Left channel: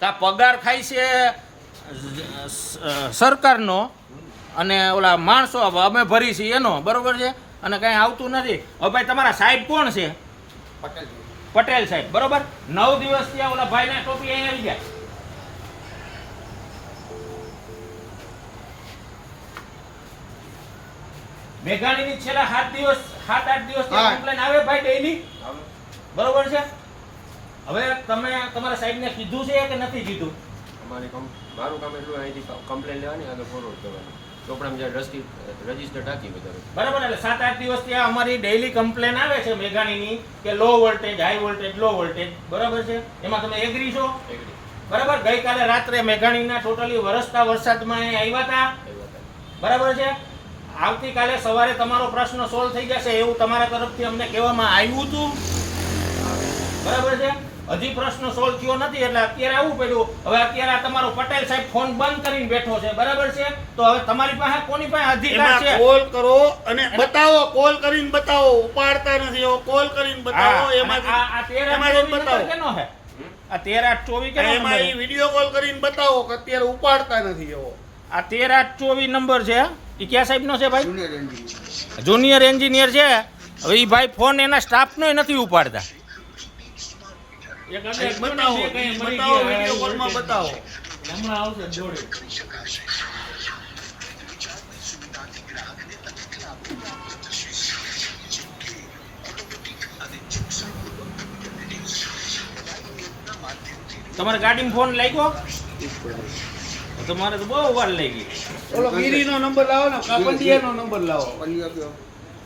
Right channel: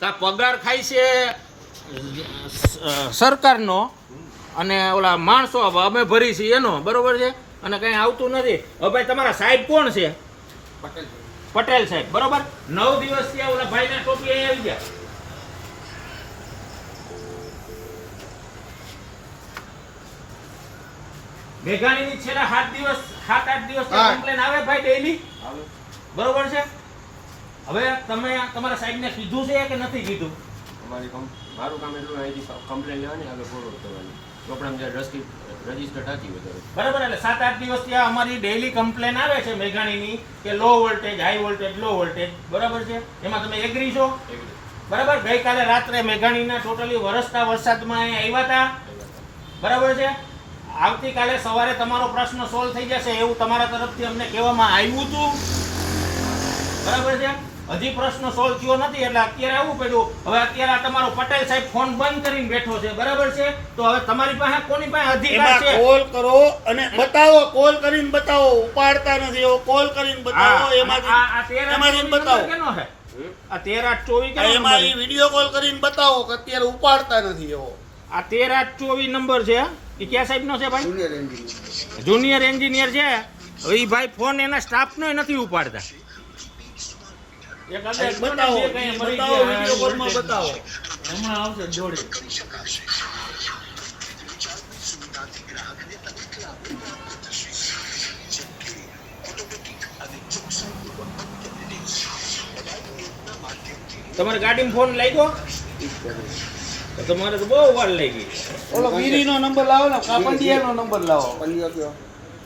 તા પગાર ખાય છે સરકારનો અને ઓલા માણસો અમે ભરી છીએ એનો, બરોબર છે, અને કંઈ આવતું નથી. હવે ભાઈ તમારા સાહેબ કોણ છે? પટેલ સાહેબ, બરોબર. 9 દિવસ ત્યાં ઓલા ભાઈના ટોપી અહીં આવી ગયા. મેઘાણીની છેલ્લા 7-8 દિવસ કમ્પ્લેન આવે ભાઈ ડેઈલી, બરોબર છે. હવે તમે તમારા સાહેબને કીધું છે કે નથી કીધું? મારું કામ એટલું અહીંથી કમ્પ્લેન લેવાની, આગળ ફોરવર્ડ કરવાની, ચોપડામાં જે રજીસ્ટર ટાંકી વધારે, બરાબર. એટલે 7-8 દિવસ ત્યાં અમારી ડેઈલી કમ્પ્લેન આવે છે મેઘાણીની કે low voltage, high voltage, low voltage, બરાબર છે. એમાં તમે એગ્રી છો? બરાબર. ગઈકાલે રાત્રે મેઘાણીના ટોટલી વરસતા વરસાદમાં અહીંયા આવ્યા હતા, બરાબર છે. આવતીકાલે સવારે તમારો પ્રશ્ન સોલ્વ થઈ જશે એવું તમારા તરફથી અમને કહેવામાં આવ્યું હતું, બરાબર છે. હજી પ્રશ્ન સોલ્વ થયો નથી એટલે અત્યારે આવું પડ્યું. હવે અત્યારે આ તમારો પટેલ સાહેબ ફોન બંધ કરીને બેઠો છે, બરાબર છે. તો હવે તમારી પાસે કોની પાસે અધિકાર છે? કોલ કરો અને બતાવો, કોલ કરીને બતાવો. ઉપાડતા નથી એવો કોલ કરીને બતાવો. એમાંથી બતાવો કેનો છે આ 13-8-24 કેનો એમાં એ વિડિયો કોલ કરીને બતાવો કે અત્યારે ઉપાડતા નથી એવો. આ 13-8-24 નંબર છે. એ ક્યાં સાહેબનો છે ભાઈ? જુનિયર એન્જિનિયર છે. હવે એ ભાઈ ફોન એના સ્ટાફનો નથી ઉપાડતા. બતાવો, વિડિયો કોલમાં બતાવો. હમણાં આવશે જોડી. તમારે ગાડીમાં ફોન લાગ્યો? તમારે તો બહુ વાર લઈ ગઈ. ઓલો ગીરીનો નંબર લાવો ને, કાપંડિયાનો નંબર લાવો.